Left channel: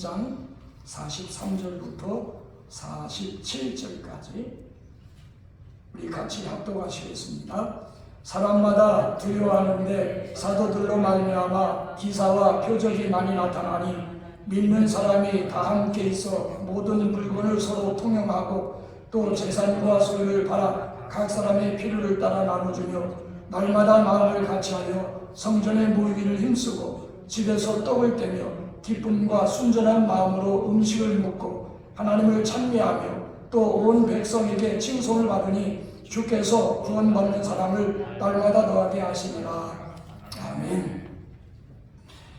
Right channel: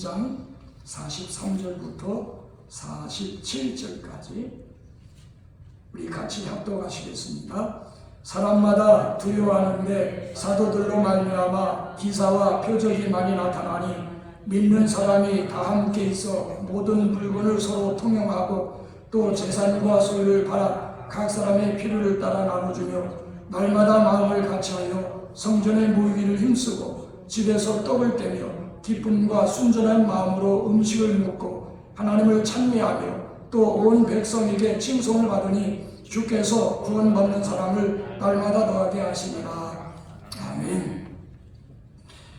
2장 43절부터 47절까지 우리 같이 합독하시겠습니다. 사람마다 두려워하는데 사도들로 말미암아 기사와 표적이 많이 나타나니 믿는 사람이 다 함께 있어 모든 물건을 서로 통용하고 또 재산과 소유를 팔아 각 사람의 필요를 따라 나눠주며 날마다 마음을 같이하여 성전에 모이기를 힘쓰고 집에서 떡을 떼며 기쁨과 순전한 마음으로 음식을 먹고 하나님을 찬미하며 또 온 백성에게 칭송을 받으니 주께서 구원받는 사람을 날마다 더하게 하시니라. 아멘.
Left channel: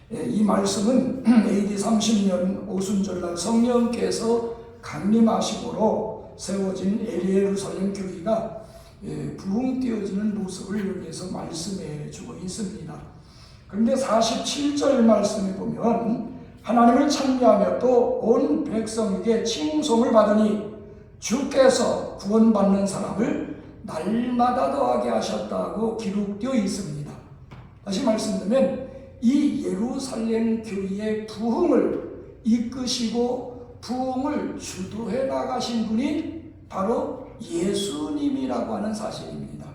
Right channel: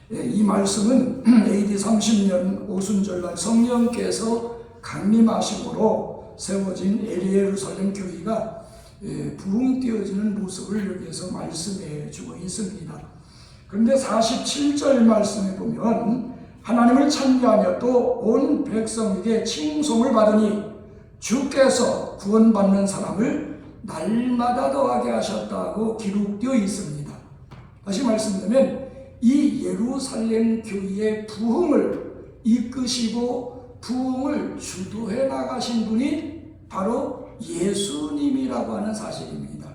이 말씀은 AD 30년 오순절날 성령께서 강림하심으로 세워진 예루살렘 교회가 부흥되어지는 모습을 여기에서 말씀해 주고 있습니다. 그런데 47절 말씀에 보면 하나님을 찬미하며 또 온 백성에게 칭송을 받으니 주께서 구원받는 사람을 날마다 더하게 하셨다고 기록되어 있습니다. 다시 말씀드리면 이 예루살렘 교회의 부흥을 이끄시고 부흥을 주도해 나가신 분이 바로 예수님이라고 하는 사실입니다.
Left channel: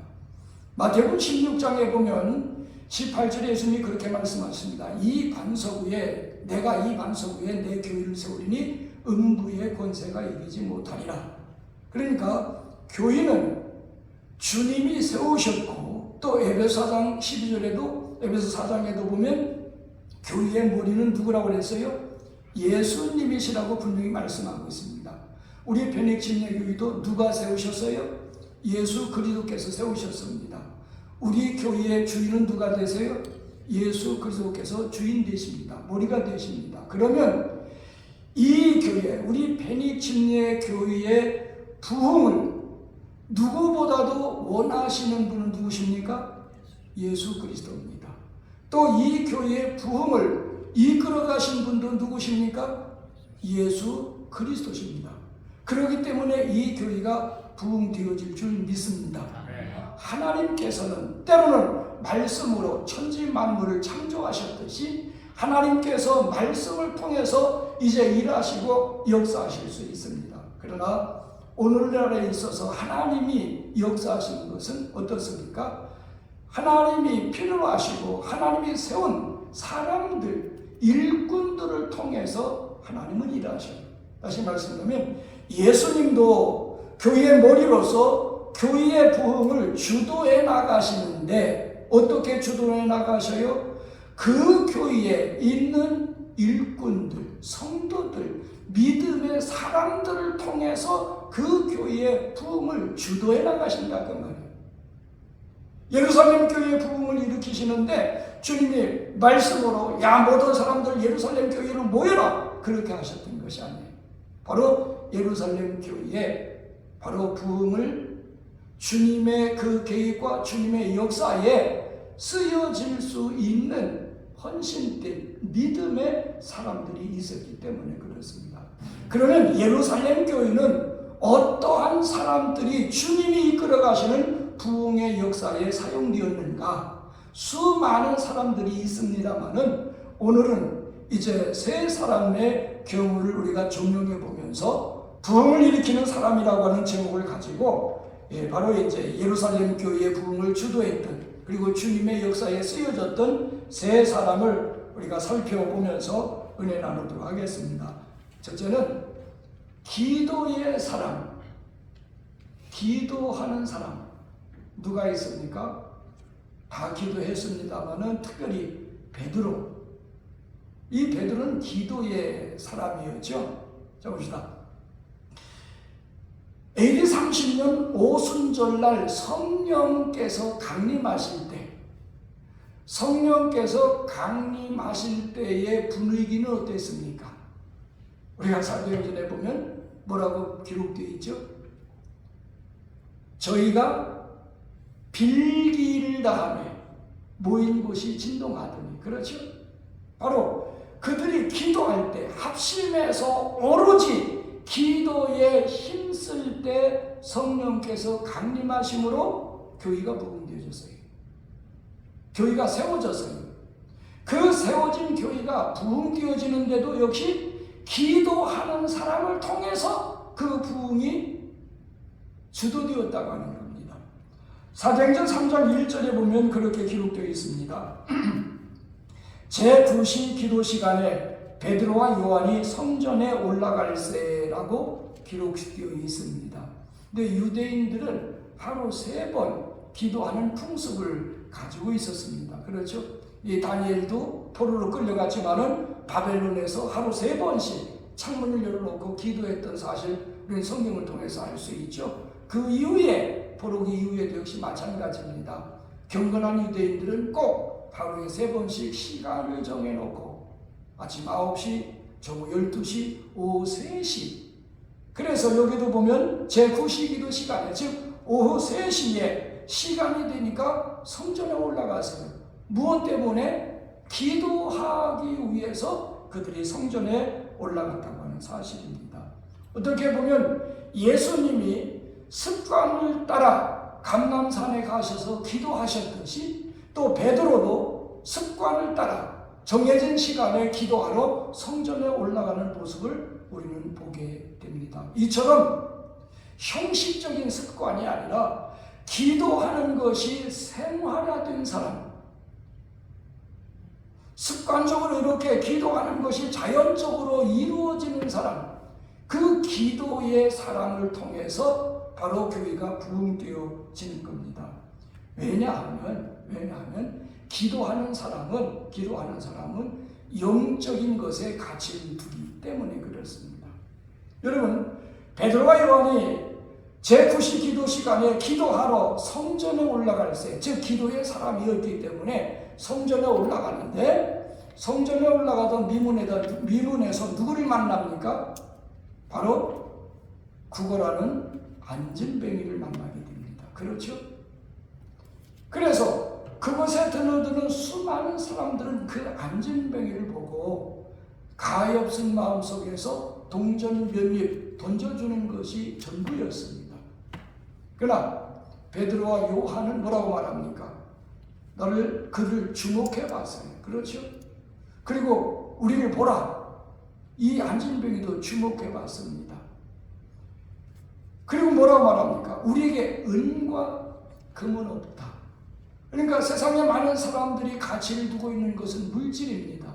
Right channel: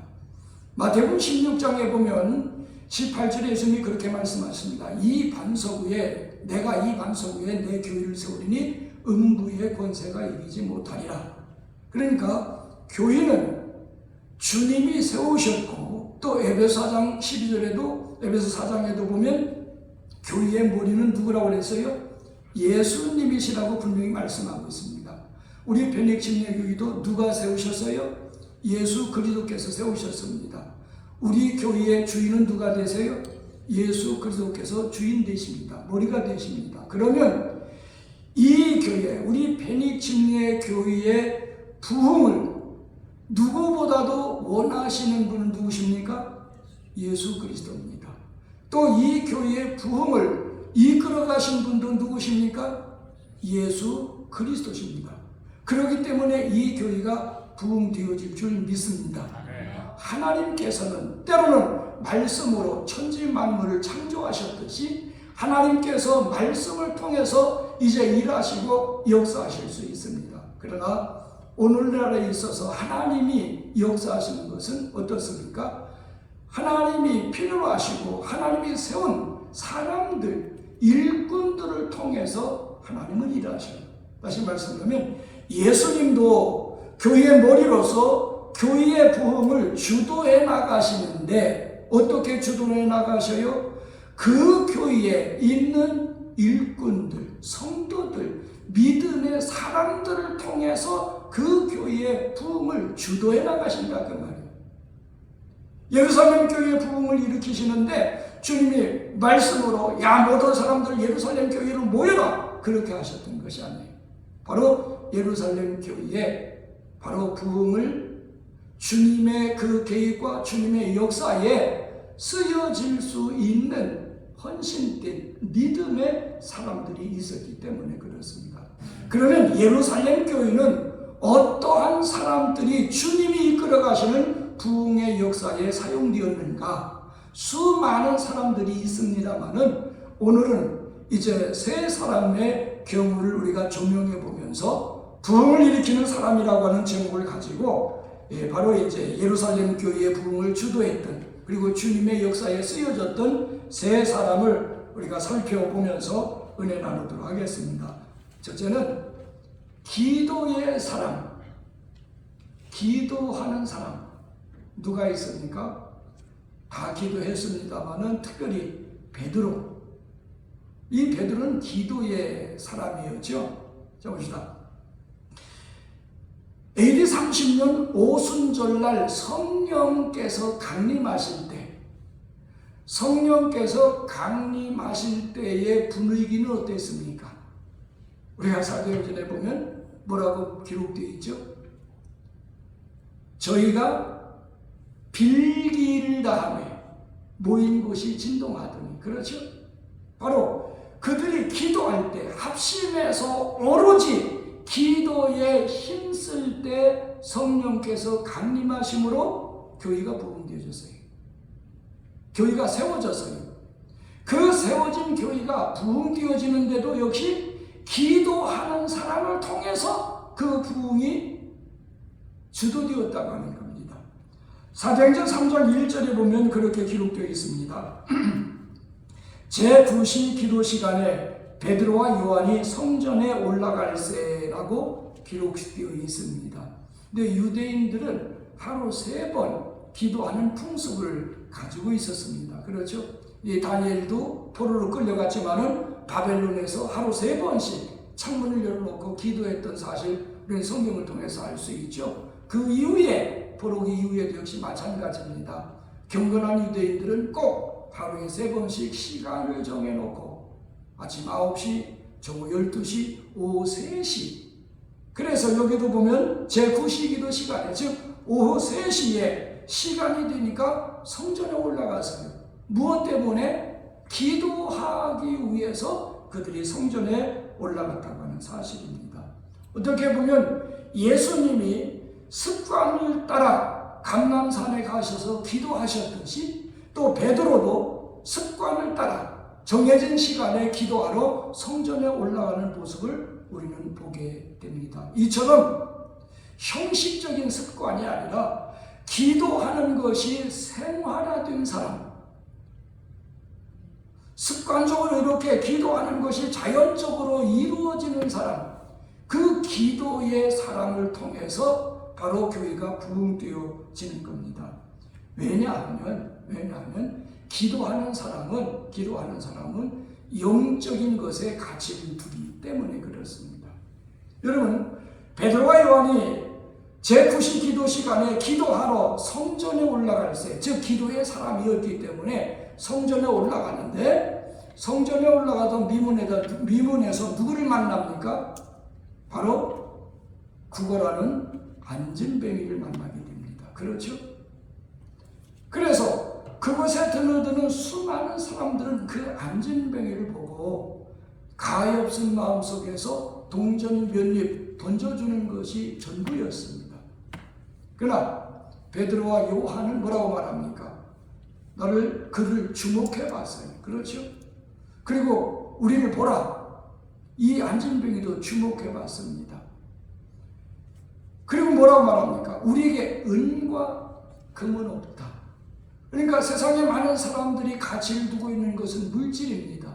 마태복음 16장에 보면 18절에 예수님이 그렇게 말씀하십니다. 이 반석 위에 내가 이 반석 위에 내 교회를 세우리니 음부의 권세가 이기지 못하리라. 그러니까 교회는 주님이 세우셨고 또 에베소 4장 12절에도 에베소 4장에도 보면 교회의 머리는 누구라고 그랬어요? 예수님이시라고 분명히 말씀하고 있습니다. 우리 변익침례교회도 누가 세우셨어요? 예수 그리스도께서 세우셨습니다. 우리 교회의 주인은 누가 되세요? 예수 그리스도께서 주인 되십니다. 머리가 되십니다. 그러면 이 교회, 우리 변익침례교회의 부흥을 누구보다도 원하시는 분은 누구십니까? 예수 그리스도입니다. 또 이 교회의 부흥을 이끌어 가신 분도 누구십니까? 예수 그리스도십니다. 그렇기 때문에 이 교회가 부흥되어질 줄 믿습니다. 하나님께서는 때로는 말씀으로 천지 만물을 창조하셨듯이 하나님께서 말씀을 통해서 이제 일하시고 역사하실 수 있습니다. 그러나 오늘날에 있어서 하나님이 역사하시는 것은 어떻습니까? 하나님이 필요로 하시고 하나님이 세운 사람들, 일꾼들을 통해서 하나님은 일하셔요. 다시 말씀드리면 예수님도 교회의 머리로서 교회의 부흥을 주도해 나가시는데 어떻게 주도해 나가셔요? 그 교회에 있는 일꾼들, 성도들, 믿음의 사람들을 통해서 그 교회의 부흥을 주도해 나가신다 그 말이에요. 예루살렘 교회의 부흥을 일으키시는데 주님이 말씀으로 야 모든 사람들 예루살렘 교회로 모여라 그렇게 하셨던 것이 아니에요. 바로 예루살렘 교회에 바로 부흥을 주님의 그 계획과 주님의 역사에 쓰여질 수 있는 헌신된 믿음의 사람들이 있었기 때문에 그렇습니다. 그러면 예루살렘 교회는 어떠한 사람들이 주님이 이끌어 가시는 부흥의 역사에 사용되었는가? 수많은 사람들이 있습니다만은 오늘은 이제 세 사람의 경우를 우리가 조명해 보면서 부흥을 일으키는 사람이라고 하는 제목을 가지고 바로 이제 예루살렘 교회의 부흥을 주도했던 그리고 주님의 역사에 쓰여졌던 세 사람을 우리가 살펴보면서 은혜 나누도록 하겠습니다. 첫째는 기도의 사람, 기도하는 사람. 누가 있습니까? 다 기도했습니다만은 특별히 베드로. 이 베드로는 기도의 사람이었죠. 자 봅시다. AD 30년 오순절날 성령께서 강림하실 때, 성령께서 강림하실 때의 분위기는 어땠습니까? 우리가 사도행전에 보면 뭐라고 기록되어 있죠? 저희가 빌기를 다하며 모인 곳이 진동하더니, 그렇죠? 바로 그들이 기도할 때 합심해서 오로지 기도에 힘쓸 때 성령께서 강림하심으로 교회가 부흥되어졌어요. 교회가 세워졌어요. 그 세워진 교회가 부흥되어지는데도 역시 기도하는 사람을 통해서 그 부흥이 주도되었다고 하는 겁니다. 사도행전 3장 1절에 보면 그렇게 기록되어 있습니다. 제9시 기도 시간에 베드로와 요한이 성전에 올라갈세라고 기록되어 있습니다. 근데 유대인들은 하루 3번 기도하는 풍습을 가지고 있었습니다. 그렇죠? 이 다니엘도 포로로 끌려갔지만은 바벨론에서 하루 3번씩 창문을 열어놓고 기도했던 사실을 성경을 통해서 알 수 있죠. 그 이후에 포로기 이후에도 역시 마찬가지입니다. 경건한 유대인들은 꼭 하루에 3번씩 시간을 정해놓고 아침 9시, 저녁 12시, 오후 3시. 그래서 여기도 보면 제9시 기도 시간에, 즉 오후 3시에 시간이 되니까 성전에 올라가서요. 무엇 때문에? 기도하기 위해서 그들이 성전에 올라갔다고 하는 사실입니다. 어떻게 보면 예수님이 습관을 따라 감람산에 가셔서 기도하셨듯이 또 베드로도 습관을 따라 정해진 시간에 기도하러 성전에 올라가는 모습을 우리는 보게 됩니다. 이처럼 형식적인 습관이 아니라 기도하는 것이 생활화된 사람, 습관적으로 이렇게 기도하는 것이 자연적으로 이루어지는 사람, 그 기도의 사람을 통해서 바로 교회가 부흥되어지는 겁니다. 왜냐하면 기도하는 사람은 영적인 것에 가치를 두기 때문에 그렇습니다. 여러분, 베드로와 요한이 제9시 기도 시간에 기도하러 성전에 올라갈세, 즉 기도의 사람이었기 때문에 성전에 올라가는데, 성전에 올라가던 미문에서 누구를 만납니까? 바로 구걸하는 안진뱅이를 만나게 됩니다. 그렇죠? 그래서 그곳에 드나드는 수많은 사람들은 그 안진뱅이를 보고 가엾은 마음속에서 동전 몇 입 던져주는 것이 전부였습니다. 그러나 베드로와 요한은 뭐라고 말합니까? 그를 주목해 봤어요. 그렇죠? 그리고 우리를 보라. 이 안진뱅이도 주목해 봤습니다. 그리고 뭐라고 말합니까? 우리에게 은과 금은 없다. 그러니까 세상에 많은 사람들이 가치를 두고 있는 것은 물질입니다.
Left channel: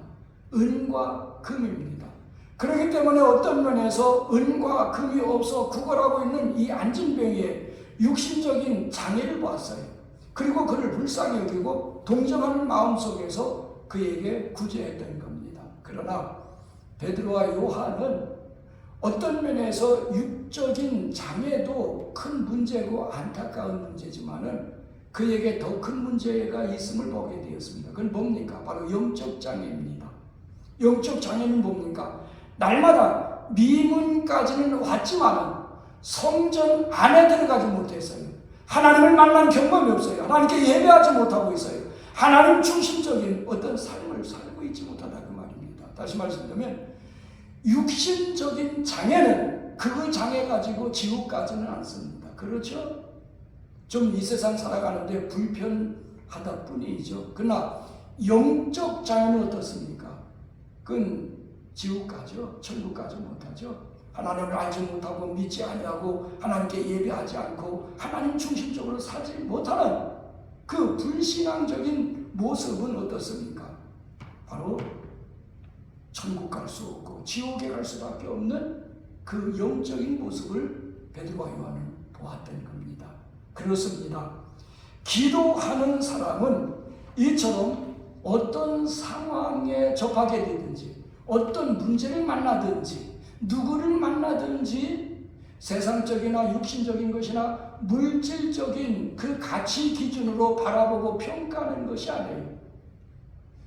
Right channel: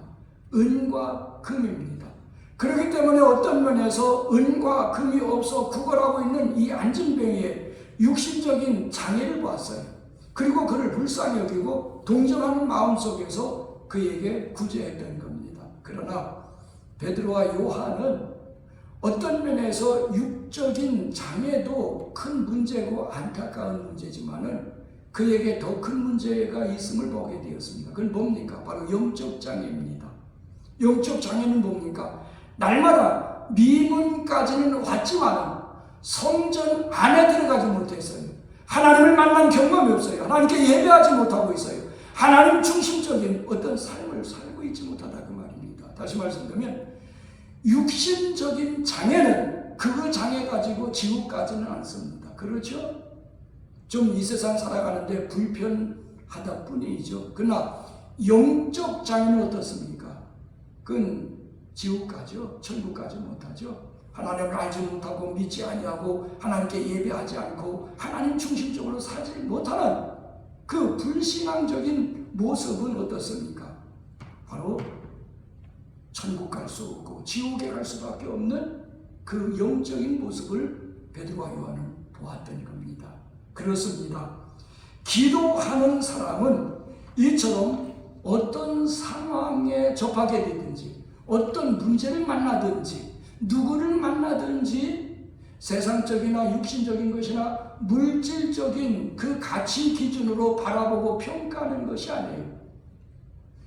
은과 금입니다. 그렇기 때문에 어떤 면에서 은과 금이 없어 구걸하고 있는 이 안진뱅이의 육신적인 장애를 보았어요. 그리고 그를 불쌍히 여기고 동정하는 마음속에서 그에게 구제했던 겁니다. 그러나 베드로와 요한은 어떤 면에서 육적인 장애도 큰 문제고 안타까운 문제지만은 그에게 더 큰 문제가 있음을 보게 되었습니다. 그건 뭡니까? 바로 영적 장애입니다. 영적 장애는 뭡니까? 날마다 미문까지는 왔지만 성전 안에 들어가지 못했어요. 하나님을 만난 경험이 없어요. 하나님께 예배하지 못하고 있어요. 하나님 중심적인 어떤 삶을 살고 있지 못하다 그 말입니다. 다시 말씀드리면 육신적인 장애는 그 장애 가지고 지옥 가지는 않습니다. 그렇죠? 좀 이 세상 살아가는데 불편하다 뿐이죠. 그러나 영적 장애는 어떻습니까? 그건 지옥 가죠. 천국 가지 못하죠. 하나님을 알지 못하고 믿지 아니하고 하나님께 예배하지 않고 하나님 중심적으로 살지 못하는 그 불신앙적인 모습은 어떻습니까? 바로 천국 갈 수 없고 지옥에 갈 수밖에 없는 그 영적인 모습을 베드로와 요한은 보았던 겁니다. 그렇습니다. 기도하는 사람은 이처럼 어떤 상황에 접하게 되든지 어떤 문제를 만나든지 누구를 만나든지 세상적이나 육신적인 것이나 물질적인 그 가치 기준으로 바라보고 평가하는 것이 아니에요.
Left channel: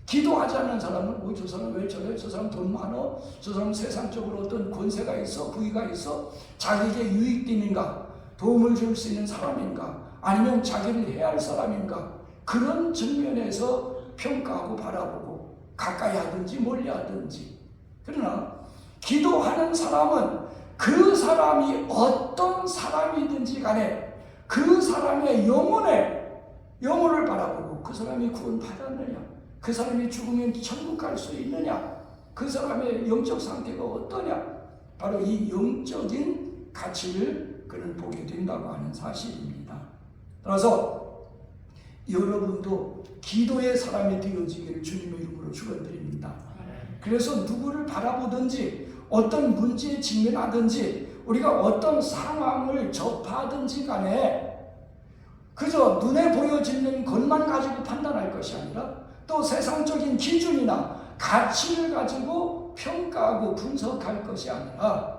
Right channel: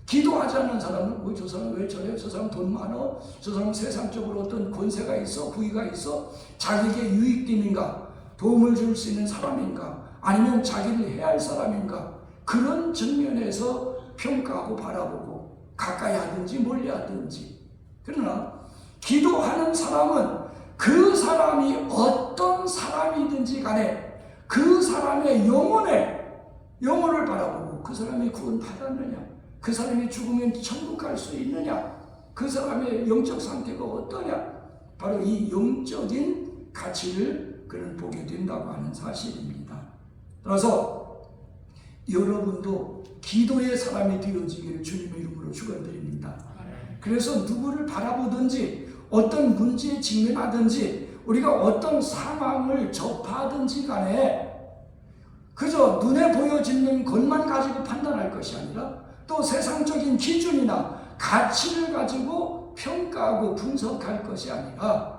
기도하지 않는 사람은 저 사람 왜 저래? 저 사람 돈 많아? 저 사람 세상적으로 어떤 권세가 있어? 부위가 있어? 자기에게 유익되는가? 도움을 줄 수 있는 사람인가? 아니면 자기를 해할 사람인가? 그런 측면에서 평가하고 바라보고 가까이 하든지 멀리 하든지. 그러나 기도하는 사람은 그 사람이 어떤 사람이든지 간에 그 사람의 영혼을 바라보고 그 사람이 구원받았느냐, 그 사람이 죽으면 천국 갈 수 있느냐, 그 사람의 영적 상태가 어떠냐? 바로 이 영적인 가치를 그는 보게 된다고 하는 사실입니다. 따라서 여러분도 기도의 사람이 되어지기를 주님의 이름으로 축원드립니다. 그래서 누구를 바라보든지 어떤 문제에 직면하든지 우리가 어떤 상황을 접하든지 간에 그저 눈에 보여지는 것만 가지고 판단할 것이 아니라 또 세상적인 기준이나 가치를 가지고 평가하고 분석할 것이 아니라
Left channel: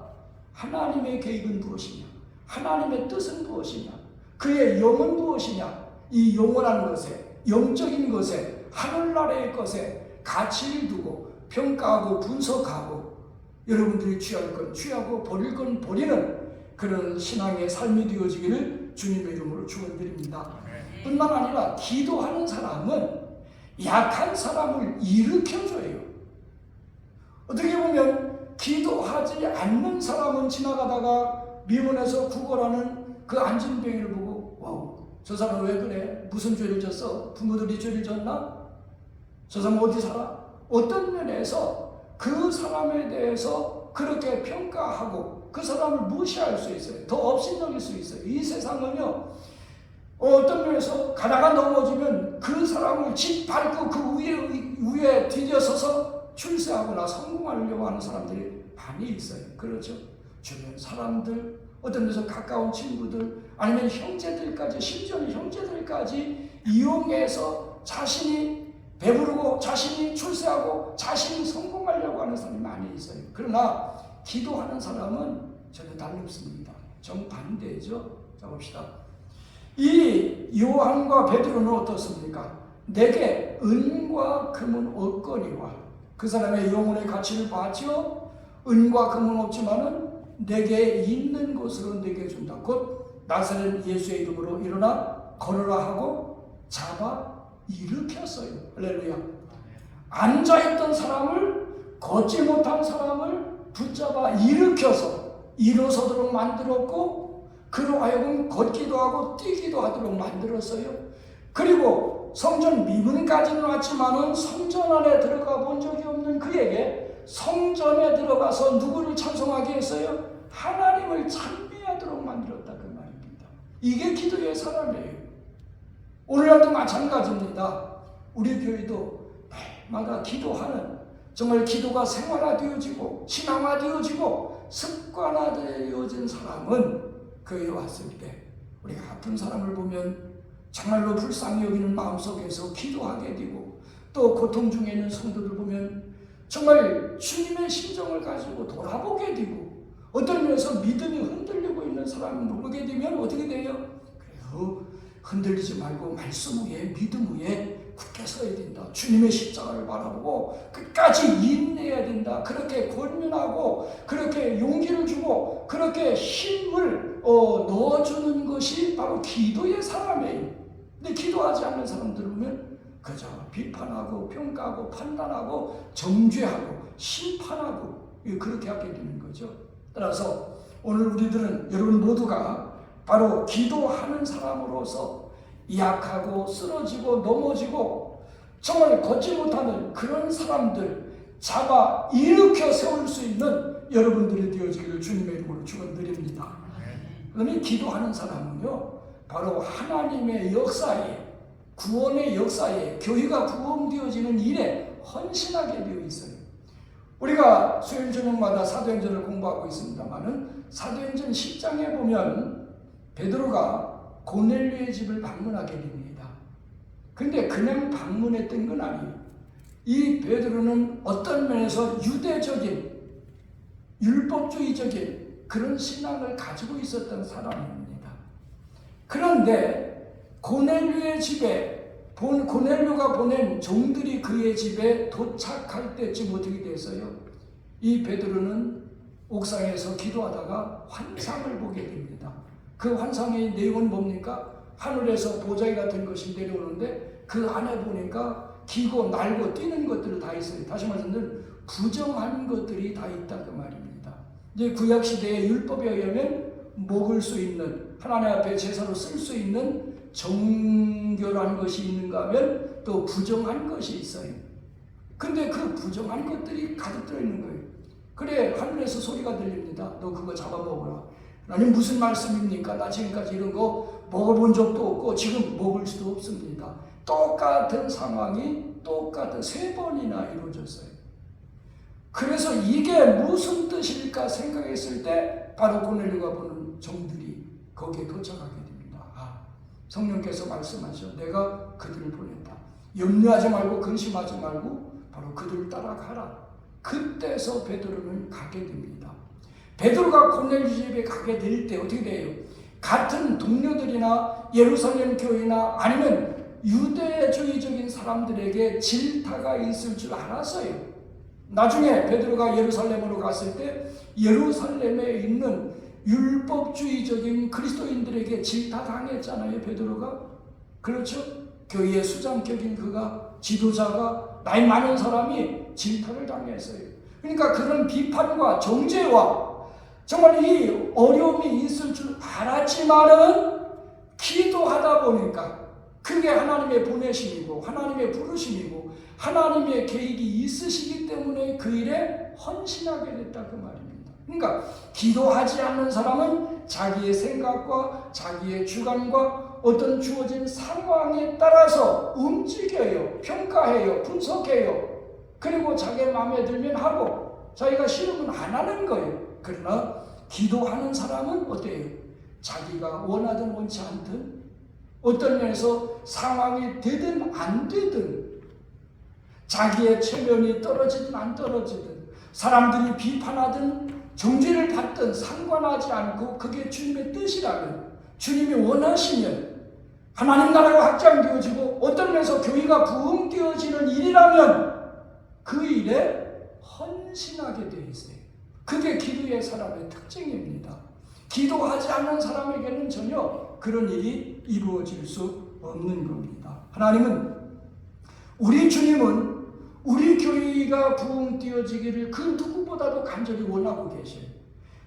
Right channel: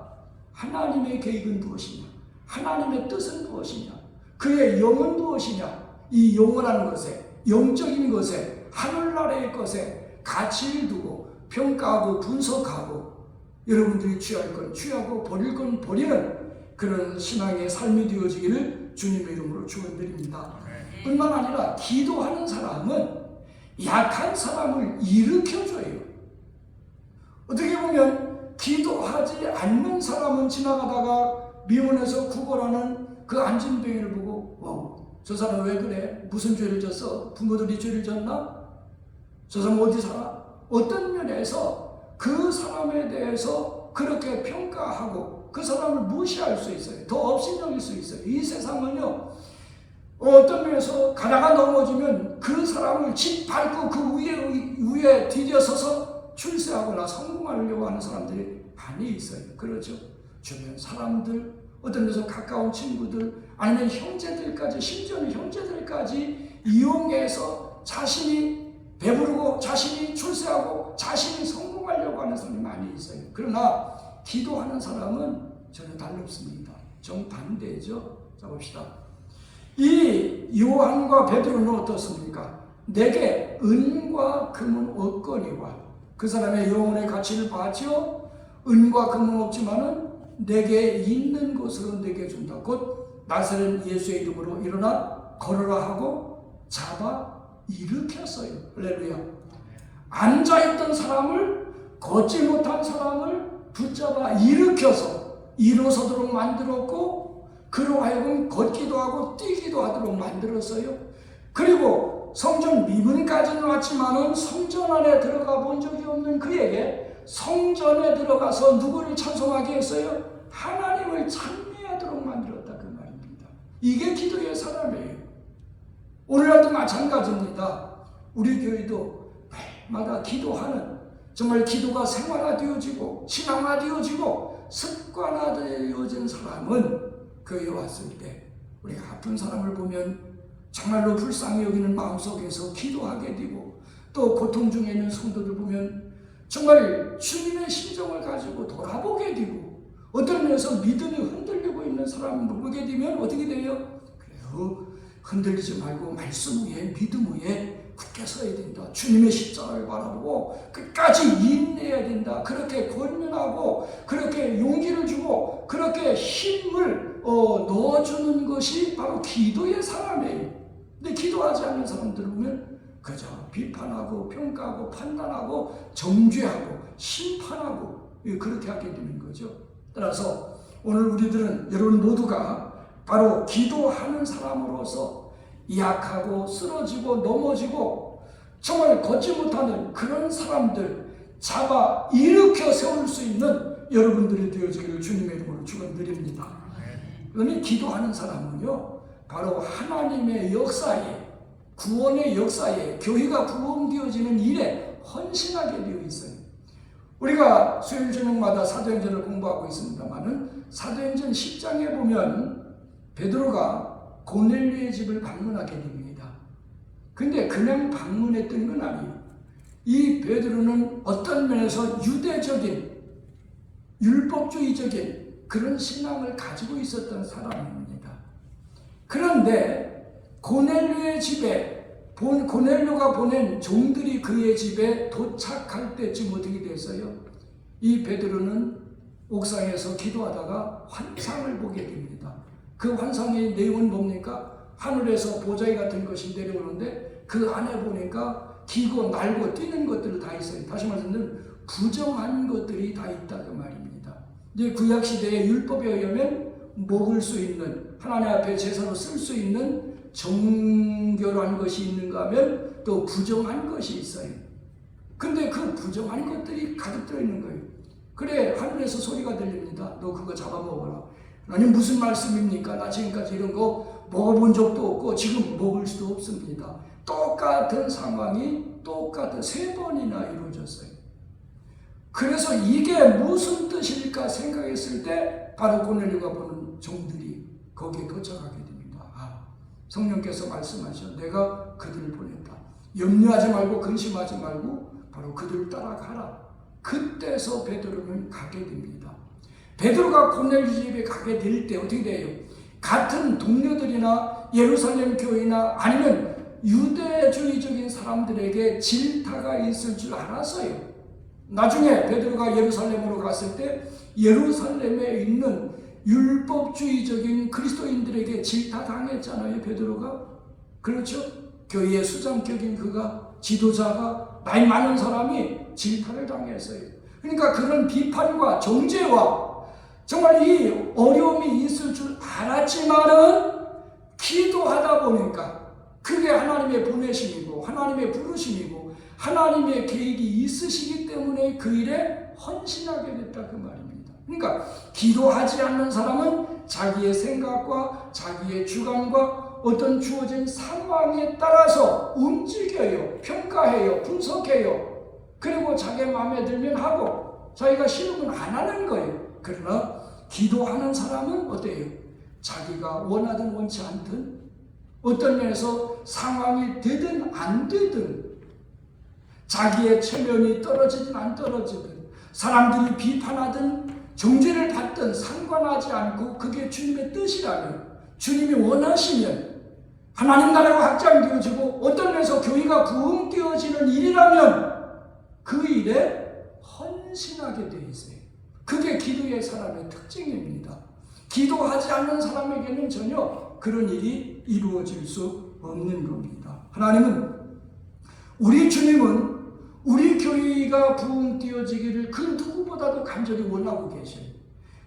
하나님의 계획은 무엇이냐, 하나님의 뜻은 무엇이냐, 그의 영은 무엇이냐, 이 영원한 것에, 영적인 것에, 하늘나라의 것에 가치를 두고 평가하고 분석하고 여러분들이 취할 건 취하고 버릴 건 버리는 그런 신앙의 삶이 되어지기를 주님의 이름으로 축원드립니다. 뿐만 아니라 기도하는 사람은 약한 사람을 일으켜줘요. 어떻게 보면 기도하지 않는 사람은 지나가다가 미문에서 구걸하는 그 안진뱅이를 보고 저 사람 왜 그래? 무슨 죄를 졌어? 부모들이 죄를 졌나? 저 사람 어디 살아? 어떤 면에서 그 사람에 대해서 그렇게 평가하고 그 사람을 무시할 수 있어요. 더 업신여길 수 있어요. 이 세상은요, 어떤 면에서 가다가 넘어지면 그 사람을 짓밟고 그 위에 뒤져서서 출세하거나 성공하려고 하는 사람들이 많이 있어요. 그렇죠? 주변 사람들, 어떤 면에서 가까운 친구들, 아니면 형제들까지, 심지어는 형제들까지 이용해서 자신이 배부르고 자신이 출세하고 자신이 성공하려고 하는 사람이 많이 있어요. 그러나 기도하는 사람은 전혀 다릅니다. 정반대죠. 자 봅시다. 이 요한과 베드로는 어떻습니까? 내게 은과 금은 없거니와, 그 사람의 영혼의 가치를 봤죠. 은과 금은 없지만은 내게 있는 것으로 내게 준다. 곧 나사렛 예수의 이름으로 일어나 걸어라 하고 잡아 일으켰어요. 할렐루야. 앉아있던 사람을, 걷지 못한 사람을 붙잡아 일으켜서 일어서도록 만들었고, 그로 하여금 걷기도 하고 뛰기도 하도록 만들었어요. 그리고 성전 미문까지는 왔지만은 성전 안에 들어가 본 적이 없는 그에게 성전에 들어가서 누구를 찬송하게 했어요? 하나님을 찬미하도록 만들었다, 그 말입니다. 이게 기도의 사람이에요. 오늘날도 마찬가지입니다. 우리 교회도 매일마다 기도하는, 정말 기도가 생활화되어지고 신앙화되어지고 습관화되어진 사람은 교회에 왔을 때 우리 아픈 사람을 보면 정말로 불쌍히 여기는 마음속에서 기도하게 되고, 또 고통 중에 있는 성도들 보면 정말 주님의 심정을 가지고 돌아보게 되고, 어떤 면에서 믿음이 흔들리고 있는 사람을 보게 되면 어떻게 돼요? 그래도 흔들리지 말고 말씀 위에, 믿음 위에 굳게 서야 된다. 주님의 십자가를 바라보고 끝까지 인내해야 된다. 그렇게 권면하고 그렇게 용기를 주고 그렇게 힘을 넣어주는 것이 바로 기도의 사람이에요. 근데 기도하지 않는 사람들 보면 그저 비판하고 평가하고 판단하고 정죄하고 심판하고 그렇게 하게 되는 거죠. 따라서 오늘 우리들은, 여러분 모두가 바로 기도하는 사람으로서 약하고 쓰러지고 넘어지고 정말 걷지 못하는 그런 사람들 잡아 일으켜 세울 수 있는 여러분들이 되어지기를 주님의 이름으로 축원드립니다. 그러니 기도하는 사람은요, 바로 하나님의 역사에, 구원의 역사에, 교회가 구원되어지는 일에 헌신하게 되어 있어요. 우리가 수요일 저녁마다 사도행전을 공부하고 있습니다만은 사도행전 10장에 보면 베드로가 고넬료의 집을 방문하게 됩니다. 근데 그냥 방문했던 건 아니에요. 이 베드로는 어떤 면에서 유대적인, 율법주의적인 그런 신앙을 가지고 있었던 사람입니다. 그런데 고넬료의 집에, 고넬료가 보낸 종들이 그의 집에 도착할 때쯤 어떻게 됐어요? 이 베드로는 옥상에서 기도하다가 환상을 보게 됩니다. 그 환상의 내용은 뭡니까? 하늘에서 보자기 같은 것이 내려오는데 그 안에 보니까 기고 날고 뛰는 것들이 다 있어요. 다시 말하면 부정한 것들이 다 있다, 그 말입니다. 이제 구약시대의 율법에 의하면 먹을 수 있는, 하나님 앞에 제사로 쓸 수 있는 정결한 것이 있는가 하면 또 부정한 것이 있어요. 근데 그 부정한 것들이 가득 들어있는 거예요. 그래, 하늘에서 소리가 들립니다. 너 그거 잡아먹어라. 하나님 무슨 말씀입니까? 나 지금까지 이런 거 먹어본 적도 없고 지금 먹을 수도 없습니다. 똑같은 상황이 똑같은 3번이나 이루어졌어요. 그래서 이게 무슨 뜻일까 생각했을 때 바로 고넬료가 보는 종들이 거기에 도착하게 됩니다. 아, 성령께서 말씀하셔. 내가 그들을 보냈다. 염려하지 말고 근심하지 말고 바로 그들을 따라가라. 그때서 베드로는 가게 됩니다. 베드로가 고넬료 집에 가게 될 때 어떻게 돼요? 같은 동료들이나 예루살렘 교회나 아니면 유대주의적인 사람들에게 질타가 있을 줄 알았어요. 나중에 베드로가 예루살렘으로 갔을 때 예루살렘에 있는 율법주의적인 그리스도인들에게 질타당했잖아요. 베드로가. 그렇죠? 교회의 수장격인 그가, 지도자가, 나이 많은 사람이 질타를 당했어요. 그러니까 그런 비판과 정죄와 정말 이 어려움이 있을 줄 알았지만은 기도하다 보니까 그게 하나님의 보내심이고 하나님의 부르심이고 하나님의 계획이 있으시기 때문에 그 일에 헌신하게 됐다 그 말입니다. 그러니까 기도하지 않는 사람은 자기의 생각과 자기의 주관과 어떤 주어진 상황에 따라서 움직여요. 평가해요. 분석해요. 그리고 자기 마음에 들면 하고 자기가 싫으면 안 하는 거예요. 그러나 기도하는 사람은 어때요? 자기가 원하든 원치 않든 어떤 면에서 상황이 되든 안 되든 자기의 체면이 떨어지든 안 떨어지든 사람들이 비판하든 정죄를 받든 상관하지 않고 그게 주님의 뜻이라면 주님이 원하시면 하나님 나라가 확장되어지고 어떤 면에서 교회가 부흥되어지는 일이라면 그 일에 헌신하게 되어 있어요. 그게 기도의 사람의 특징입니다. 기도하지 않는 사람에게는 전혀 그런 일이 이루어질 수 없는 겁니다. 하나님은 우리 주님은 우리 교회가 부흥되어지기를 그 누구보다도 간절히 원하고 계셔요.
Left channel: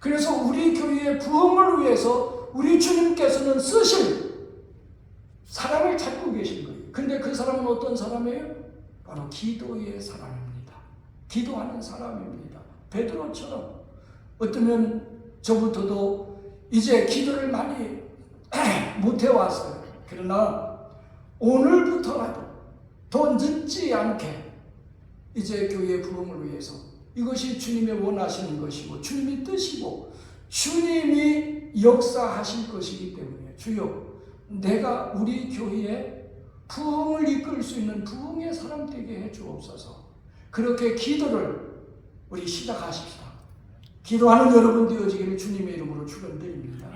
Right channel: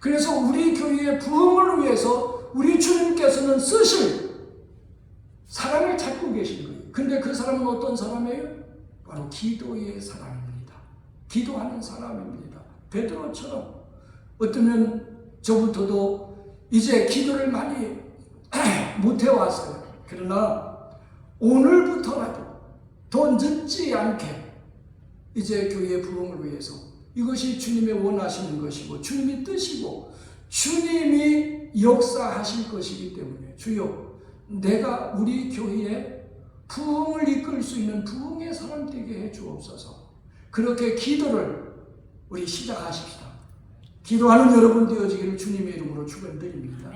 그래서 우리 교회의 부흥을 위해서 우리 주님께서는 쓰실 사람을 찾고 계신 거예요. 근데 그 사람은 어떤 사람이에요? 바로 기도의 사람입니다. 기도하는 사람입니다. 베드로처럼 어쩌면 저부터도 이제 기도를 많이 못 해왔어요. 그러나 오늘부터라도 더 늦지 않게 이제 교회의 부흥을 위해서 이것이 주님의 원하시는 것이고 주님이 뜻이고 주님이 역사하실 것이기 때문에 주여 내가 우리 교회에 부흥을 이끌 수 있는 부흥의 사람 되게 해 주옵소서. 그렇게 기도를 우리 시작하십시다. 기도하는 여러분 되어지기를 주님의 이름으로 축원드립니다.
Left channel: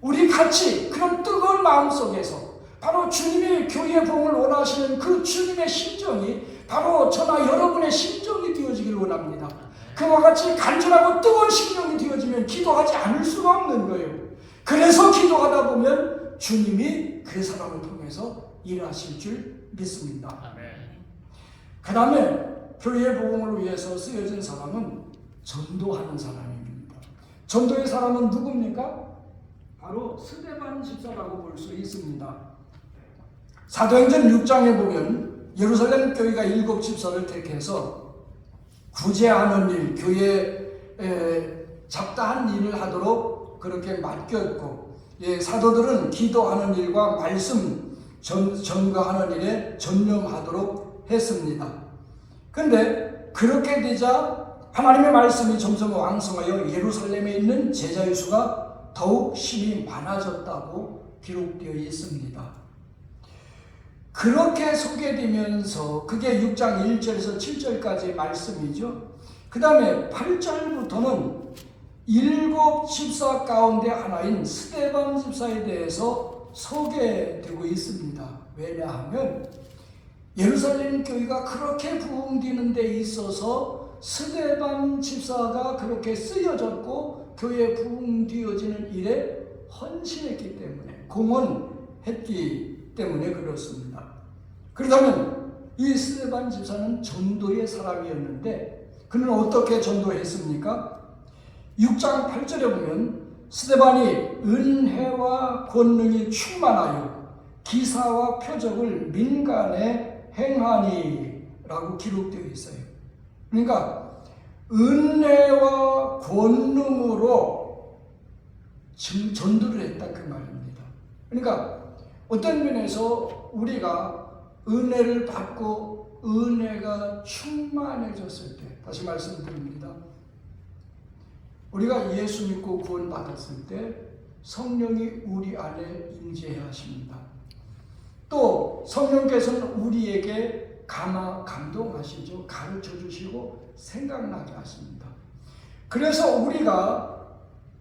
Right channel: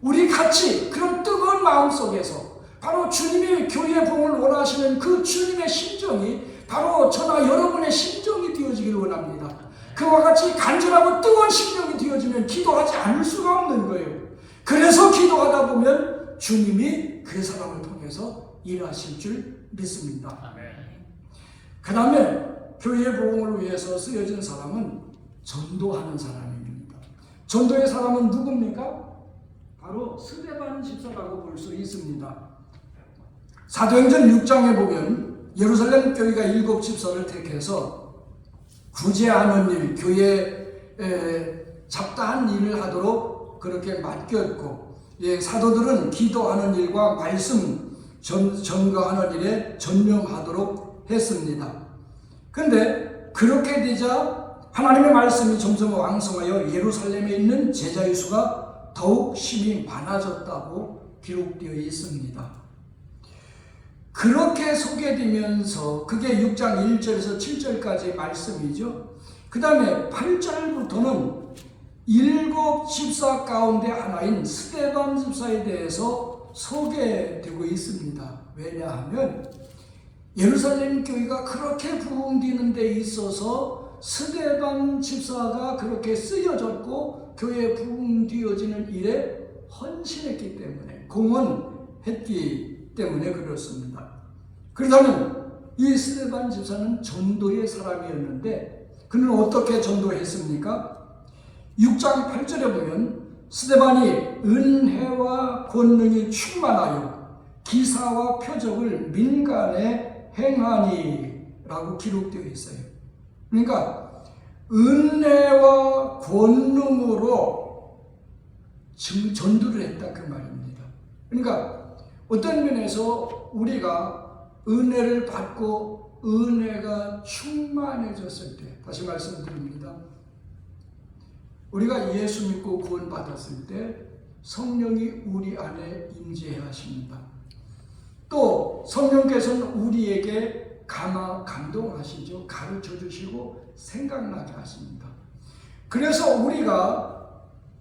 우리 같이 그런 뜨거운 마음 속에서 바로 주님이 교회의 부흥을 원하시는 그 주님의 심정이 바로 저나 여러분의 심정이 되어지기를 원합니다. 그와 같이 간절하고 뜨거운 심정이 되어지면 기도하지 않을 수가 없는 거예요. 그래서 기도하다 보면 주님이 그 사람을 통해서 일하실 줄 믿습니다. 그 다음에 교회의 부흥을 위해서 쓰여진 사람은 전도하는 사람입니다. 전도의 사람은 누굽니까? 바로 스데반 집사라고 볼 수 있습니다. 사도행전 6장에 보면 예루살렘 교회가 7 집사를 택해서 구제하는 일, 교회에 잡다한 일을 하도록 그렇게 맡겼고, 사도들은 기도하는 일과 말씀 전가하는 일에 전념하도록 했습니다. 그런데 그렇게 되자 하나님의 말씀이 점점 왕성하여 예루살렘에 있는 제자의 수가 더욱 심히 많아졌다고 기록되어 있습니다. 그렇게 소개되면서 그게 6장 1절에서 7절까지의 말씀이죠. 그 다음에 8절부터는 7 집사 가운데 하나인 스데반 집사에 대해서 소개되고 있습니다. 왜냐하면 예루살렘 교회가 그렇게 부흥되는 데 있어서 스데반 집사가 그렇게 쓰여졌고 교회 부흥되어지는 일에 헌신했기 때문에 공헌했기 때문에 그렇습니다. 그렇다면 이 스데반 집사는 전도의 사람이었는데 그는 어떻게 전도했습니까? 6장 8절에 보면 스데반이 은혜와 권능이 충만하여 기사와 표적을 민간에 행하니 라고 기록되어 있어요. 그러니까 은혜와 권능으로 전도를 했다 그 말입니다. 그러니까 어떤 면에서 우리가 은혜를 받고 은혜가 충만해졌을 때, 다시 말씀드립니다. 우리가 예수 믿고 구원 받았을 때 성령이 우리 안에 임재하십니다. 또 성령께서는 우리에게 감동하시죠. 가르쳐 주시고 생각나게 하십니다. 그래서 우리가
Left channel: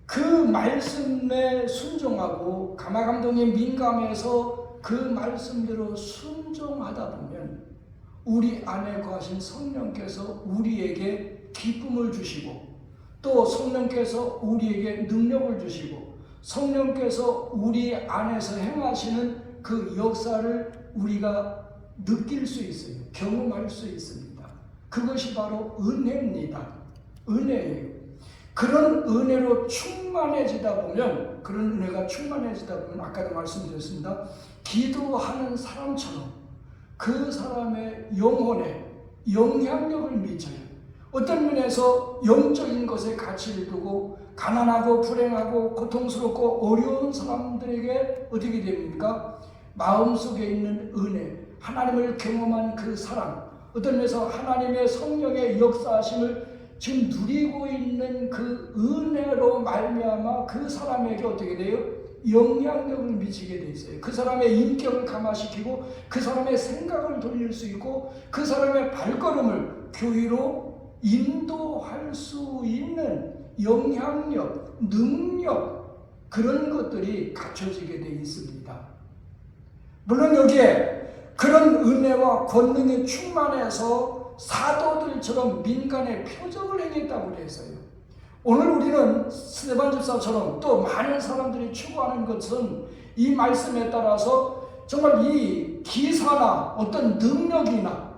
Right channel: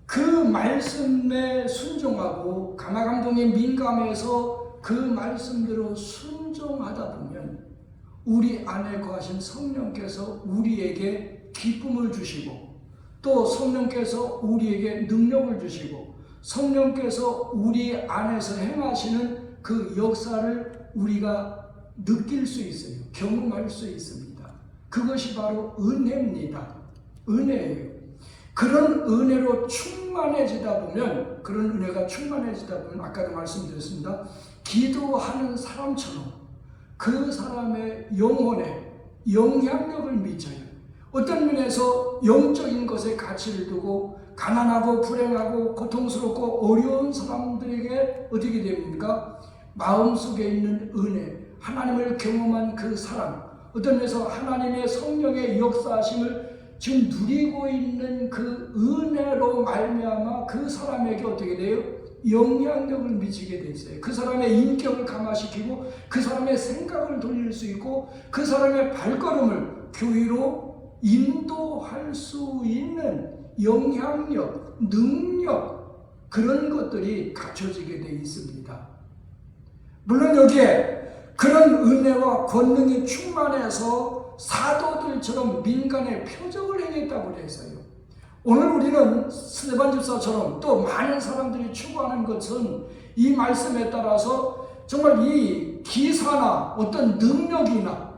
그 말씀에 순종하고 감동에 민감해서 그 말씀대로 순종하다 보면 우리 안에 거하신 성령께서 우리에게 기쁨을 주시고, 또 성령께서 우리에게 능력을 주시고, 성령께서 우리 안에서 행하시는 그 역사를 우리가 느낄 수 있어요. 경험할 수 있습니다. 그것이 바로 은혜입니다. 은혜예요. 그런 은혜로 충만해지다 보면, 그런 은혜가 충만해지다 보면 아까도 말씀드렸습니다. 기도하는 사람처럼 그 사람의 영혼에 영향력을 미쳐요. 어떤 면에서 영적인 것에 가치를 두고 가난하고 불행하고 고통스럽고 어려운 사람들에게 어떻게 됩니까? 마음속에 있는 은혜, 하나님을 경험한 그 사람, 어떤 면에서 하나님의 성령의 역사하심을 지금 누리고 있는 그 은혜로 말미암아 그 사람에게 어떻게 돼요? 영향력을 미치게 돼 있어요. 그 사람의 인격을 감화시키고 그 사람의 생각을 돌릴 수 있고 그 사람의 발걸음을 교회로 인도할 수 있는 영향력, 능력, 그런 것들이 갖춰지게 돼 있습니다. 물론 여기에 그런 은혜와 권능이 충만해서 사도들처럼 민간의 표적을 행했다고 했어요. 오늘 우리는 스데반 집사처럼 또 많은 사람들이 추구하는 것은 이 말씀에 따라서 정말 이 기사나 어떤 능력이나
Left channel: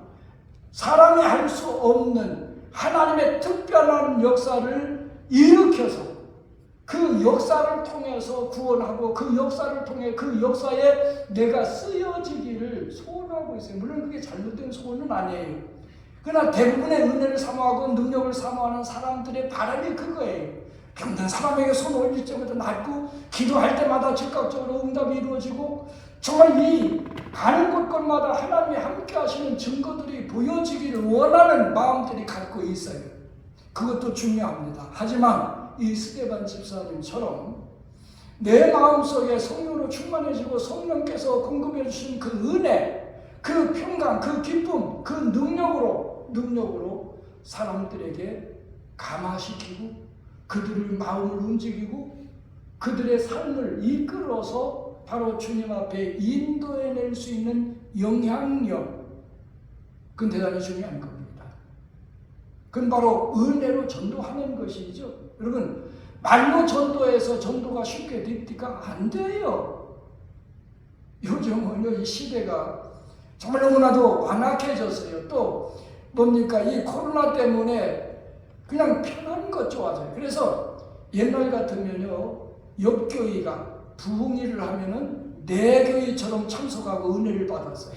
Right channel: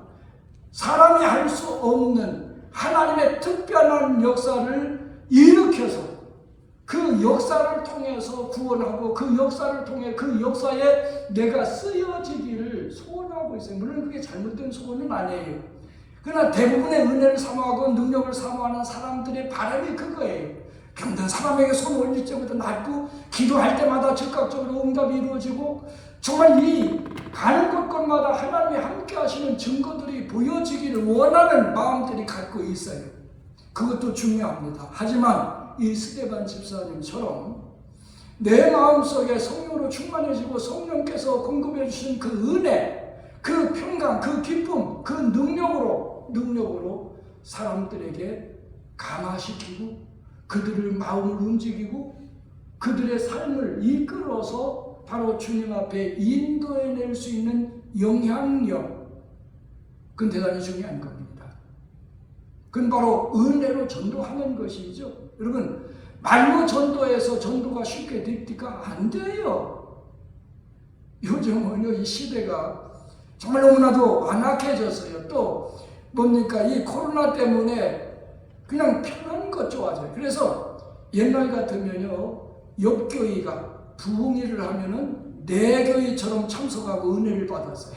사람이 할 수 없는 하나님의 특별한 역사를 일으켜서 그 역사를 통해서 구원하고 그 역사를 통해 그 역사에 내가 쓰여지기를 소원하고 있어요. 물론 그게 잘못된 소원은 아니에요. 그러나 대부분의 은혜를 사모하고 능력을 사모하는 사람들의 바람이 그거예요. 그런데 사람에게 손 올릴 때마다 낫고 기도할 때마다 즉각적으로 응답이 이루어지고 정말 이 가는 곳곳마다 하나님이 함께 하시는 증거들이 보여지기를 원하는 마음들이 갖고 있어요. 그것도 중요합니다. 하지만 이 스데반 집사님처럼 내 마음속에 성령으로 충만해지고 성령께서 공급해 주신 그 은혜, 그 평강, 그 기쁨, 그 능력으로 사람들에게 감화시키고 그들의 마음을 움직이고 그들의 삶을 이끌어서 바로 주님 앞에 인도해낼 수 있는 영향력, 그건 대단히 중요한 겁니다. 그건 바로 은혜로 전도하는 것이죠. 여러분, 말로 전도해서 전도가 쉽게 됩니까? 안 돼요. 요즘은 이 시대가 정말 너무나도 완악해졌어요. 또 뭡니까? 이 코로나 때문에 그냥 편한 것 좋아져요. 그래서 옛날 같으면요, 옆 교회가 부흥회를 하면은 내 교회처럼 참석하고 은혜를 받았어요.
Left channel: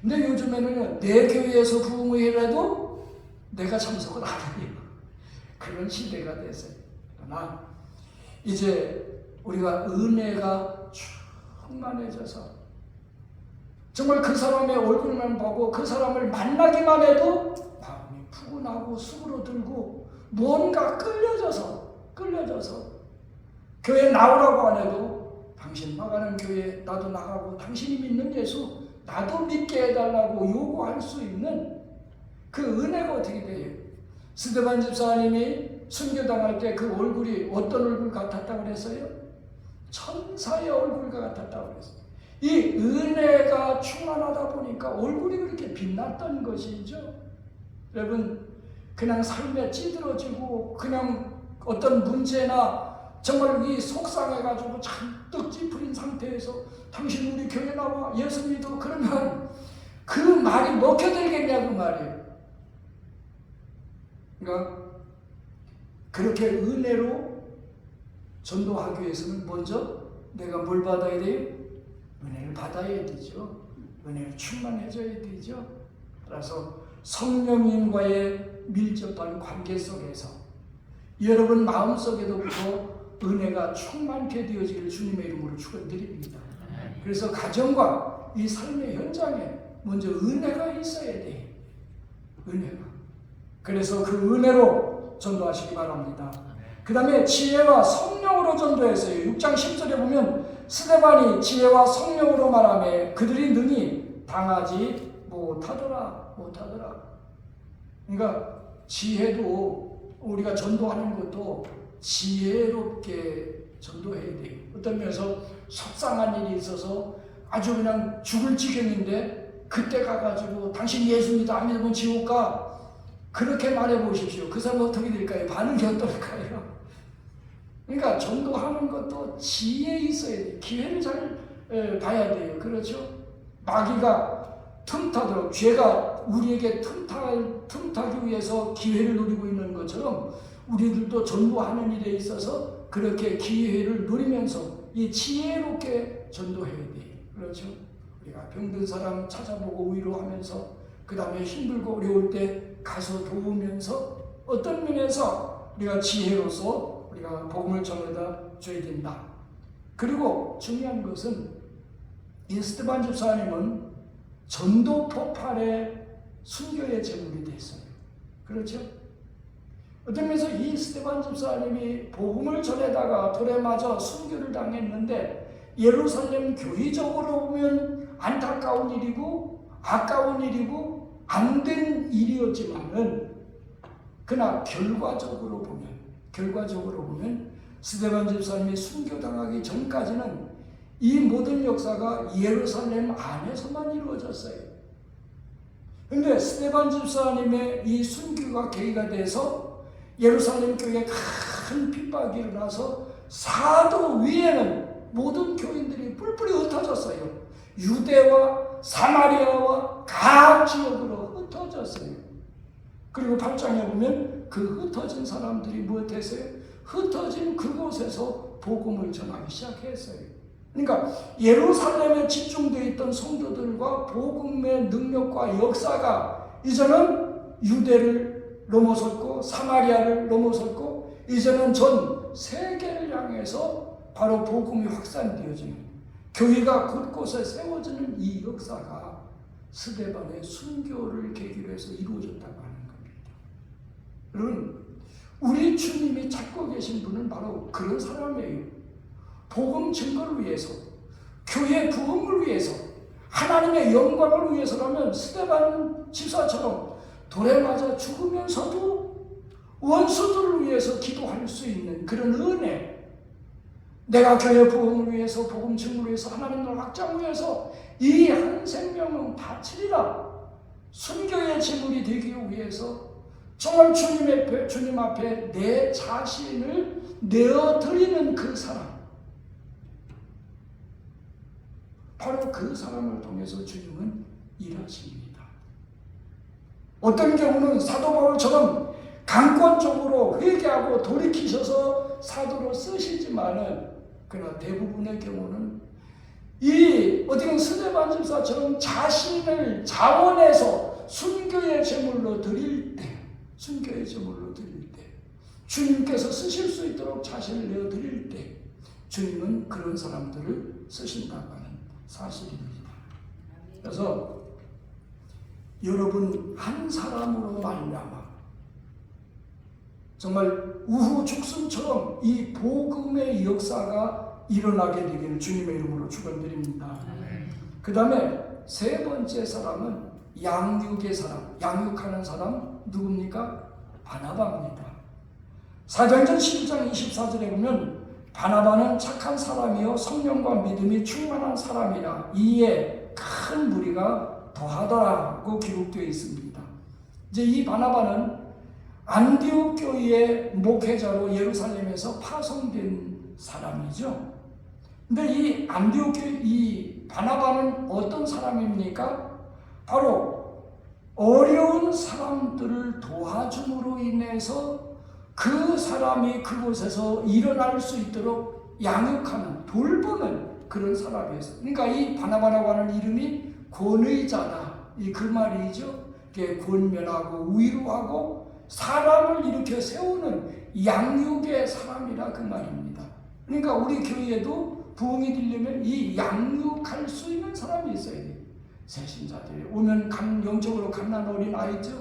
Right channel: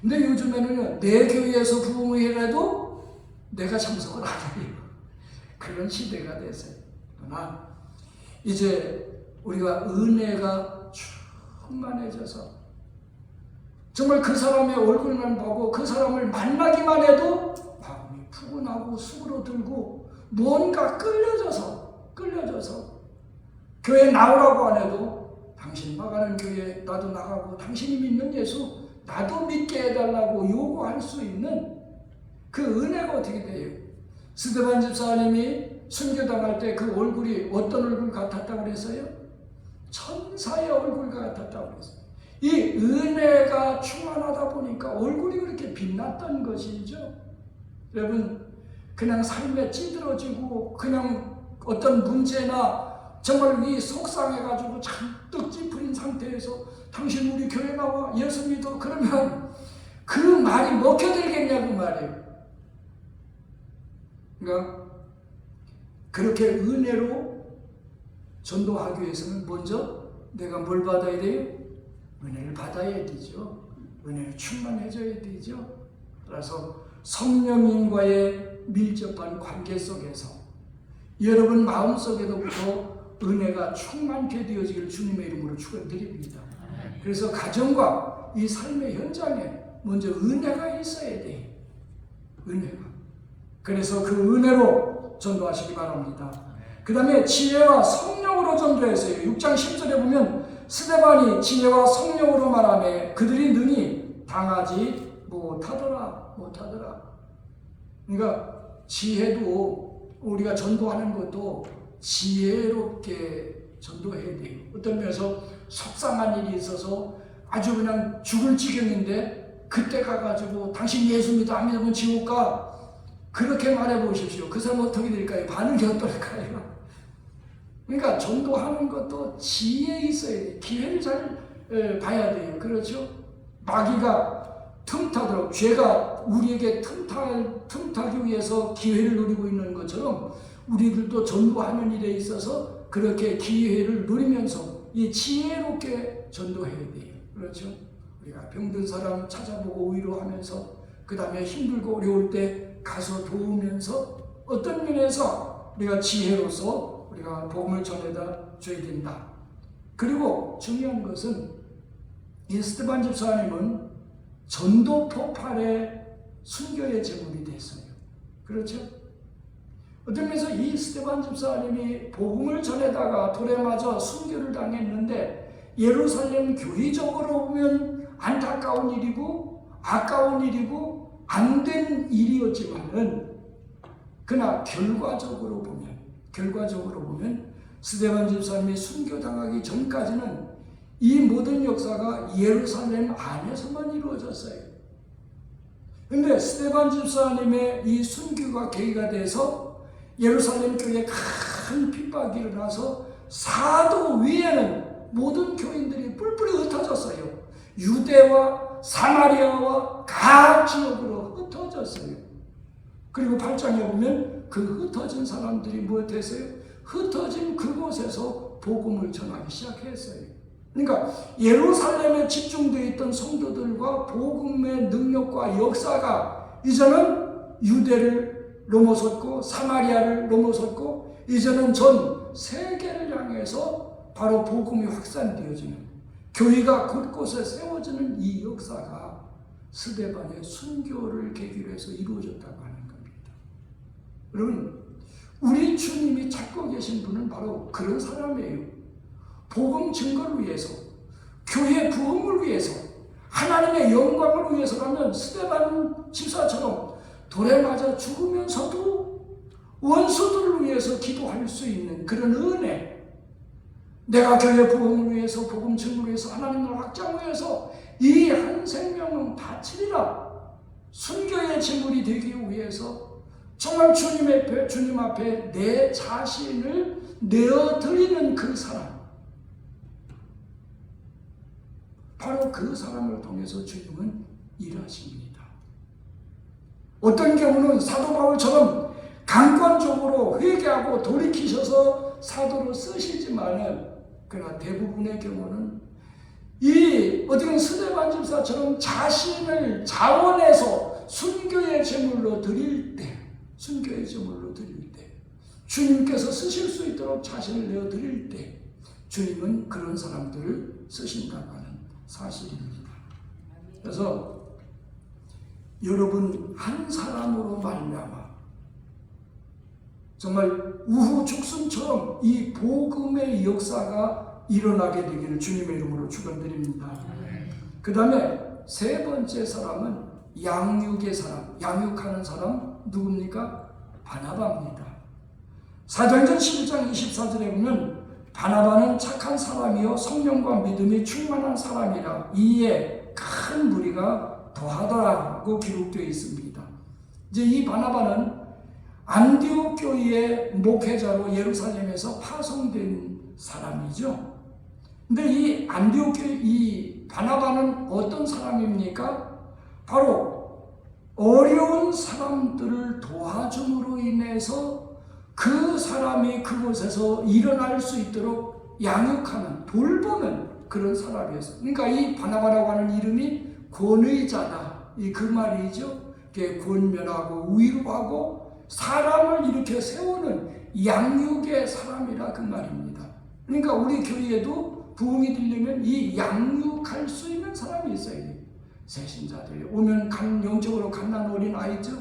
근데 요즘에는요, 내 교회에서 부흥회를 해도 내가 참석을 안 해요. 그런 시대가 됐어요. 그러나 이제 우리가 은혜가 충만해져서 정말 그 사람의 얼굴만 보고 그 사람을 만나기만 해도 마음이 푸근하고 수그러들고 뭔가 끌려져서 교회 나오라고 안 해도 당신 나가는 교회 나도 나가고 당신이 믿는 예수 나도 믿게 해달라고 요구할 수 있는 그 은혜가 어떻게 돼요? 스데반 집사님이 순교당할 때 그 얼굴이 어떤 얼굴 같았다고 그랬어요? 천사의 얼굴 같았다고 그랬어요. 이 은혜가 충만하다 보니까 얼굴이 그렇게 빛났던 것이죠. 여러분, 그냥 삶에 찌들어지고 그냥 어떤 문제나 정말 이 속상해가지고 잔뜩 찌푸린 상태에서 당신 우리 교회 나와 예수 믿어 그러면 그 말이 먹혀들겠냐고 말이에요. 그러니까 그렇게 은혜로 전도하기 위해서는 먼저 내가 뭘 받아야 돼요? 은혜를 받아야 되죠. 은혜를 충만해져야 되죠. 따라서 성령님과의 밀접한 관계 속에서 여러분 마음속에도부터 은혜가 충만케 되어지기를 주님의 이름으로 축원드립니다. 그래서 가정과 이 삶의 현장에 먼저 은혜가 있어야 돼. 은혜가. 그래서 그 은혜로 전도하시기 바랍니다. 그 다음에 지혜와 성령으로 전도했어요. 6장 10절에 보면 스데반이 지혜와 성령으로 말하며 그들이 능히 당하지 못하더라. 그러니까 지혜도 우리가 전도하는 것도 지혜롭게 전도해야 돼요. 어떤 면에서 속상한 일이 있어서 아주 그냥 죽을 지경인데 그때 가가지고 당신 예수 믿어 안 믿으면 지옥 가. 그렇게 말해 보십시오. 그 사람 어떻게 될까요? 반응이 어떨까요? 그러니까 전도하는 것도 지혜 있어야 돼요. 기회를 잘 봐야 돼요. 그렇죠? 마귀가 틈타도록 죄가 우리에게 틈타기 위해서 기회를 노리고 있는 것처럼 우리들도 전도하는 일에 있어서 그렇게 기회를 누리면서 이 지혜롭게 전도해야 돼요. 그렇죠? 우리가 병든 사람 찾아보고 위로하면서 그 다음에 힘들고 어려울 때 가서 도우면서 어떤 면에서 우리가 지혜로서 우리가 복음을 전해다 줘야 된다. 그리고 중요한 것은 이 스데반 집사님은 전도 폭발의 순교의 제물이 됐어요. 그렇죠? 어떤 면에서 이 스데반 집사님이 복음을 전해다가 돌에 맞아 순교를 당했는데 예루살렘 교회적으로 보면 안타까운 일이고 아까운 일이고 안 된 일이었지만은 그러나 결과적으로 보면 스데반 집사님이 순교당하기 전까지는 이 모든 역사가 예루살렘 안에서만 이루어졌어요. 그런데 스데반 집사님의 이 순교가 계기가 돼서 예루살렘 교회에 큰 핍박이 일어나서 사도 위에는 모든 교인들이 뿔뿔이 흩어졌어요. 유대와 사마리아와 각 지역으로 흩어졌어요. 그리고 8장에 보면 그 흩어진 사람들이 무엇했어요? 흩어진 그곳에서 복음을 전하기 시작했어요. 그러니까 예루살렘에 집중되어 있던 성도들과 복음의 능력과 역사가 이제는 유대를 넘어섰고 사마리아를 넘어섰고 이제는 전 세계를 향해서 바로 복음이 확산되어지는 교회가 곳곳에 세워지는 이 역사가 스데반의 순교를 계기로 해서 이루어졌다고 하는 겁니다. 여러분, 우리 주님이 찾고 계신 분은 바로 그런 사람이에요. 복음 증거를 위해서, 교회 부흥을 위해서, 하나님의 영광을 위해서라면 스데반 집사처럼 돌에 맞아 죽으면서도 원수들을 위해서 기도할 수 있는 그런 은혜, 내가 교회 부흥을 위해서 복음 증거를 위해서 하나님을 확장을 위해서 이 한 생명은 바치리라 순교의 제물이 되기 위해서 정말 주님 앞에 내 자신을 내어드리는 그 사람, 바로 그 사람을 통해서 주님은 일하십니다. 어떤 경우는 사도 바울처럼 강권적으로 회개하고 돌이키셔서 사도를 쓰시지만은 그러나 대부분의 경우는 이 어떤 스데반 집사처럼 자신을 자원해서 순교의 제물로 드릴 때, 주님께서 쓰실 수 있도록 자신을 내어 드릴 때 주님은 그런 사람들을 쓰신다고 하는 사실입니다. 그래서 여러분 한 사람으로 말미암아 정말 우후죽순처럼 이 복음의 역사가 일어나게 되기를 주님의 이름으로 축원드립니다. 그 다음에 세 번째 사람은 양육의 사람, 양육하는 사람 누굽니까? 바나바입니다. 사도행전 11장 24절에 보면 바나바는 착한 사람이요 성령과 믿음이 충만한 사람이라 이에 큰 무리가 더하더라고 기록되어 있습니다. 이제 이 바나바는 안디옥 교회의 목회자로 예루살렘에서 파송된 사람이죠. 근데 이 안디옥 교회 이 바나바는 어떤 사람입니까? 바로 어려운 사람들을 도와줌으로 인해서 그 사람이 그곳에서 일어날 수 있도록 양육하는, 돌보는 그런 사람이었어요. 그러니까 이 바나바라고 하는 이름이 권의자다. 이 그 말이죠. 권면하고 위로하고 사람을 이렇게 세우는 양육의 사람이라 그 말입니다. 그러니까 우리 교회에도 부흥이 되려면 이 양육할 수 있는 사람이 있어야 돼요. 새신자들이 오면 영적으로 갓난 어린 아이죠.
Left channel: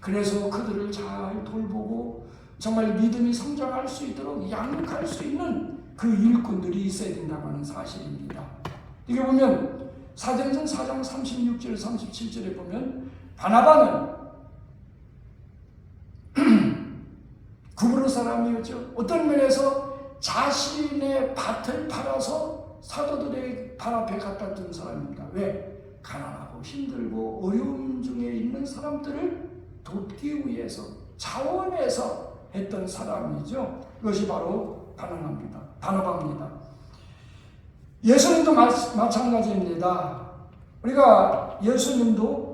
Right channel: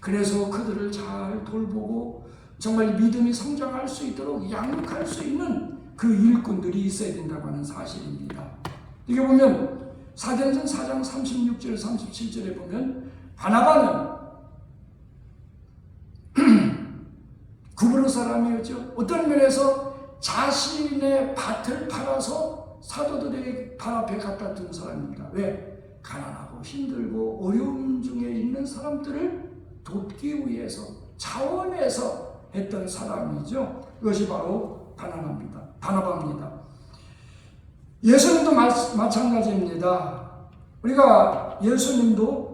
그래서 그들을 잘 돌보고 정말 믿음이 성장할 수 있도록 양육할 수 있는 그 일꾼들이 있어야 된다고 하는 사실입니다. 이게 보면 사도행전 4장 36절 37절에 보면 바나바는 구브로 사람이었죠. 어떤 면에서 자신의 밭을 팔아서 사도들의 발 앞에 갖다 둔 사람입니다. 왜? 가난하고 힘들고 어려움 중에 있는 사람들을 돕기 위해서 자원해서 했던 사람이죠. 그것이 바로 바나바입니다. 예수님도 마찬가지입니다. 우리가 예수님도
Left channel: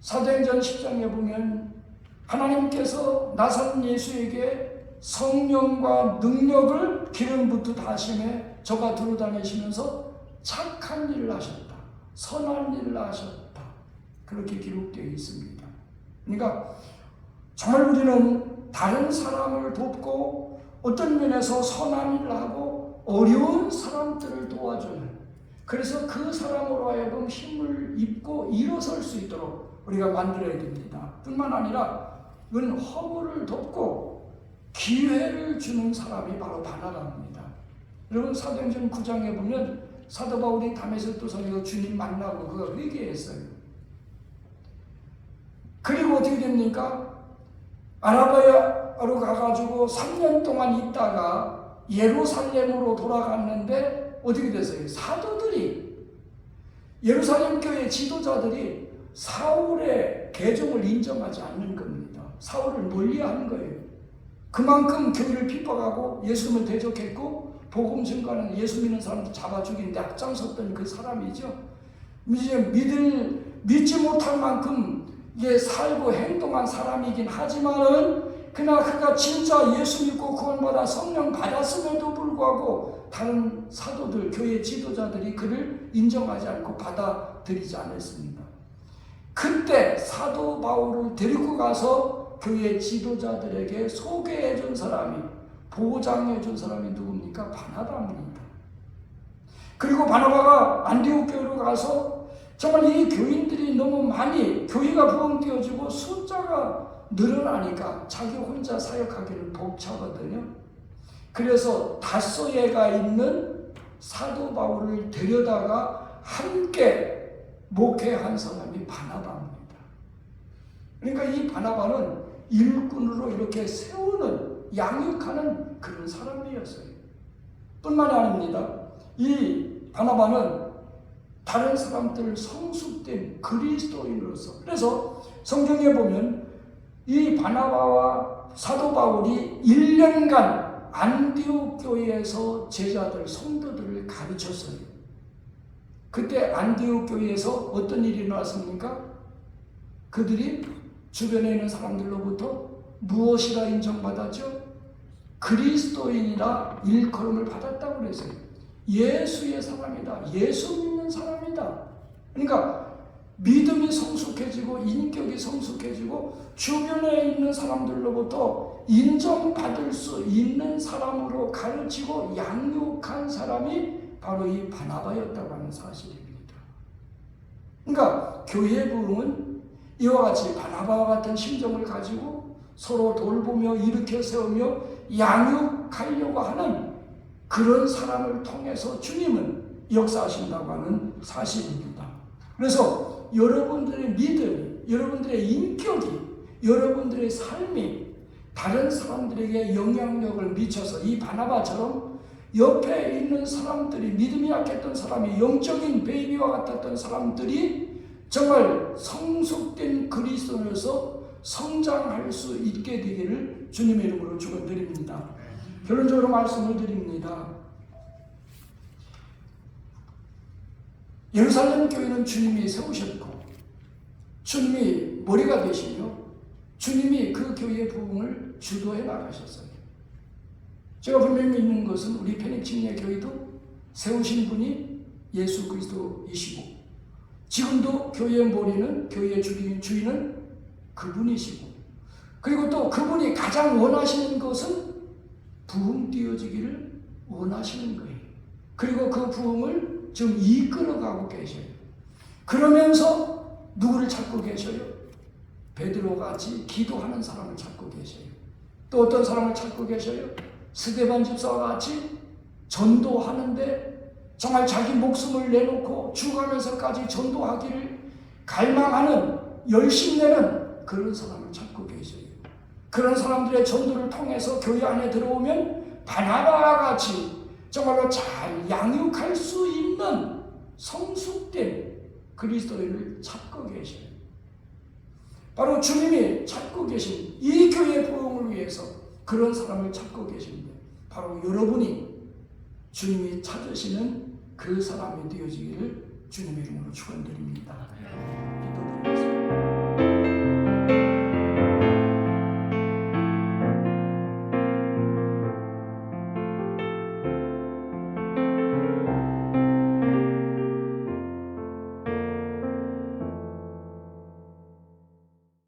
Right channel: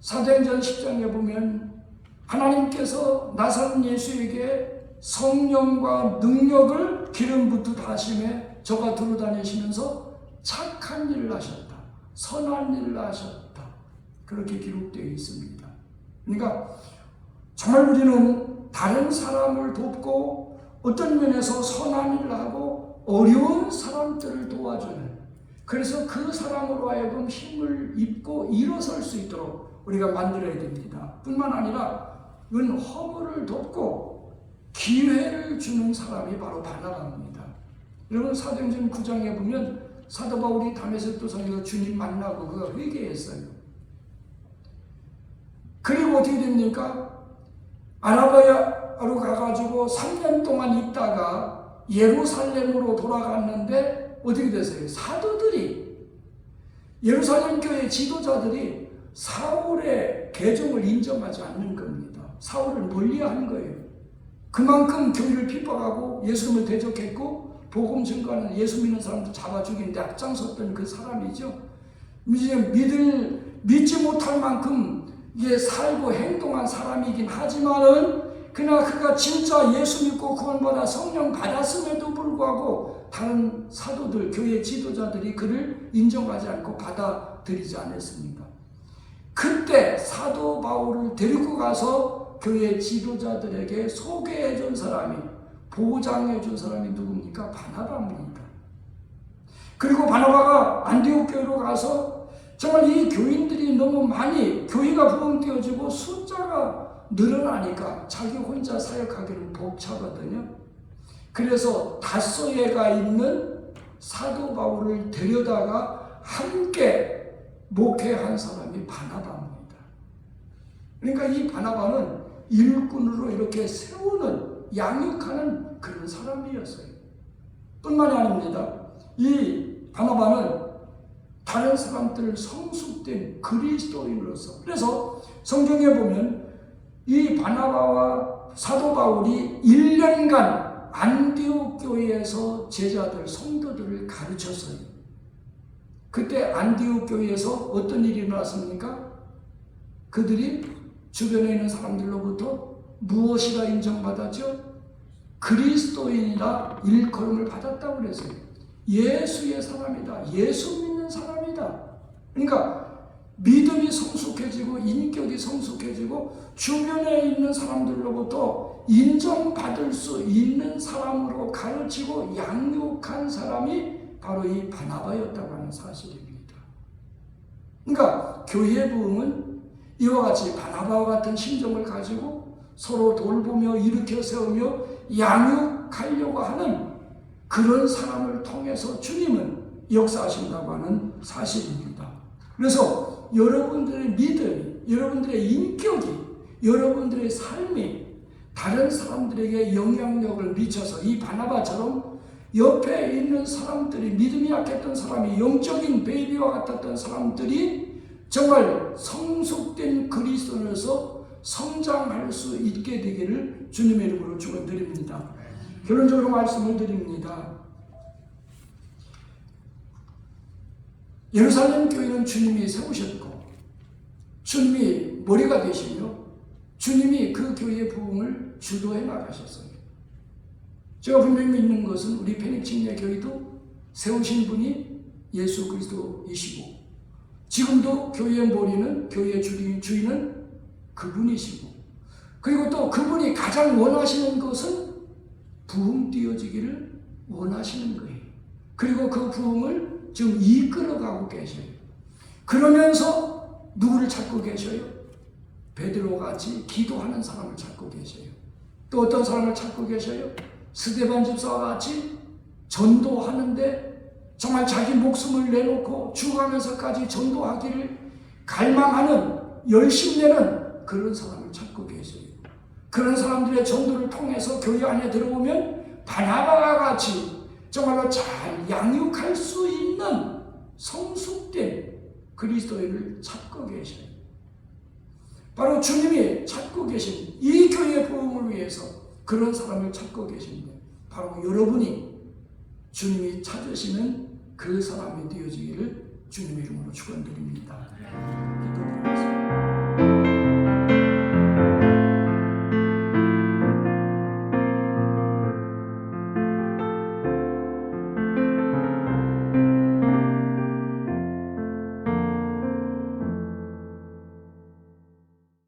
사도행전 10장에 보면 하나님께서 나사렛 예수에게 성령과 능력을 기름 붓듯 하심에 저가 들어다니시면서 착한 일을 하셨다. 선한 일을 하셨다. 그렇게 기록되어 있습니다. 그러니까 정말 우리는 다른 사람을 돕고 어떤 면에서 선한 일을 하고 어려운 사람들을 도와주는, 그래서 그 사람으로 하여금 힘을 입고 일어설 수 있도록 우리가 만들어야 됩니다. 뿐만 아니라 허물을 돕고 기회를 주는 사람이 바로 바나바입니다. 여러분 사도행전 9장에 보면 사도 바울이 다메섹 도성에서 주님 만나고 그거 회개했어요. 그리고 어떻게 됩니까? 아라바야로 가가지고 3년 동안 있다가 예루살렘으로 돌아갔는데 어떻게 됐어요? 사도들이, 예루살렘 교회 지도자들이 사울의 개종을 인정하지 않는 겁니다. 사울을 멀리하는 거예요. 그만큼 교회를 핍박하고 예수님을 대적했고 복음 전가는 예수 믿는 사람들 잡아 죽이는데 앞장섰던 그 사람이죠. 이제 믿지 못할 만큼 살고 행동한 사람이긴 하지만은 그러나 그가 진짜 예수 믿고 구원받아 성령 받았음에도 불구하고 다른 사도들, 교회 지도자들이 그를 인정하지 않고 받아들이지 않았습니다. 그때 사도 바울을 데리고 가서 교회 지도자들에게 소개해 준 사람이, 보장해 준 사람이 누굽니까? 바나바입니다. 그리고 바나바가 안디옥 교회로 가서 정말 이 교인들이 너무 많이, 교회가 부흥되어지고 숫자가 늘어나니까 자기 혼자 사역하기는 벅차거든요. 그래서 다소에가 있는 사도 바울을 데려다가 함께 목회한 사람이 바나바입니다. 그러니까 이 바나바는 일꾼으로 이렇게 세우는, 양육하는 그런 사람이었어요. 뿐만이 아닙니다. 이 바나바는 다른 사람들을 성숙된 그리스도인으로서, 그래서 성경에 보면 이 바나바와 사도 바울이 1년간 안디옥 교회에서 제자들, 성도들을 가르쳤어요. 그때 안디옥 교회에서 어떤 일이 일어났습니까? 그들이 주변에 있는 사람들로부터 무엇이라 인정받았죠? 그리스도인이라 일컬음을 받았다고 그랬어요. 예수의 사람이다. 예수 믿는 사람이다. 그러니까 믿음이 성숙해지고 인격이 성숙해지고 주변에 있는 사람들로부터 인정받을 수 있는 사람으로 가르치고 양육한 사람이 바로 이 바나바였다고 하는 사실입니다. 그러니까 교회의 부흥은 이와 같이 바나바와 같은 심정을 가지고 서로 돌보며 일으켜 세우며 양육하려고 하는 그런 사람을 통해서 주님은 역사하신다고 하는 사실입니다. 그래서 여러분들의 믿음이, 여러분들의 인격이, 여러분들의 삶이 다른 사람들에게 영향력을 미쳐서 이 바나바처럼 옆에 있는 사람들이, 믿음이 약했던 사람이, 영적인 베이비와 같았던 사람들이 정말 성숙된 그리스도인으로서 성장할 수 있게 되기를 주님의 이름으로 축원드립니다. 결론적으로 말씀을 드립니다. 예루살렘 교회는 주님이 세우셨고 주님이 머리가 되시며 주님이 그 교회의 부흥을 주도해 나가셨어요. 제가 분명히 믿는 것은 우리 페닉침례 교회도 세우신 분이 예수 그리스도이시고 지금도 교회의 머리는, 교회의 주인은 그분이시고, 그리고 또 그분이 가장 원하시는 것은 부흥 띄어지기를 원하시는 거예요. 그리고 그 부흥을 지금 이끌어가고 계셔요. 그러면서 누구를 찾고 계셔요? 베드로같이 기도하는 사람을 찾고 계셔요. 또 어떤 사람을 찾고 계셔요? 스데반 집사와 같이 전도하는데 정말 자기 목숨을 내놓고 죽어가면서까지 전도하기를 갈망하는, 열심내는 그런 사람을 찾고 계셔요. 그런 사람들의 전도를 통해서 교회 안에 들어오면 바나바와 같이 정말로 잘 양육할 수 있는 성숙된 그리스도인을 찾고 계셔요. 바로 주님이 찾고 계신 이 교회의 부흥을 위해서 그런 사람을 찾고 계십니다. 바로 여러분이 주님이 찾으시는 그 사람이 되어지기를 주님 이름으로 축원드립니다.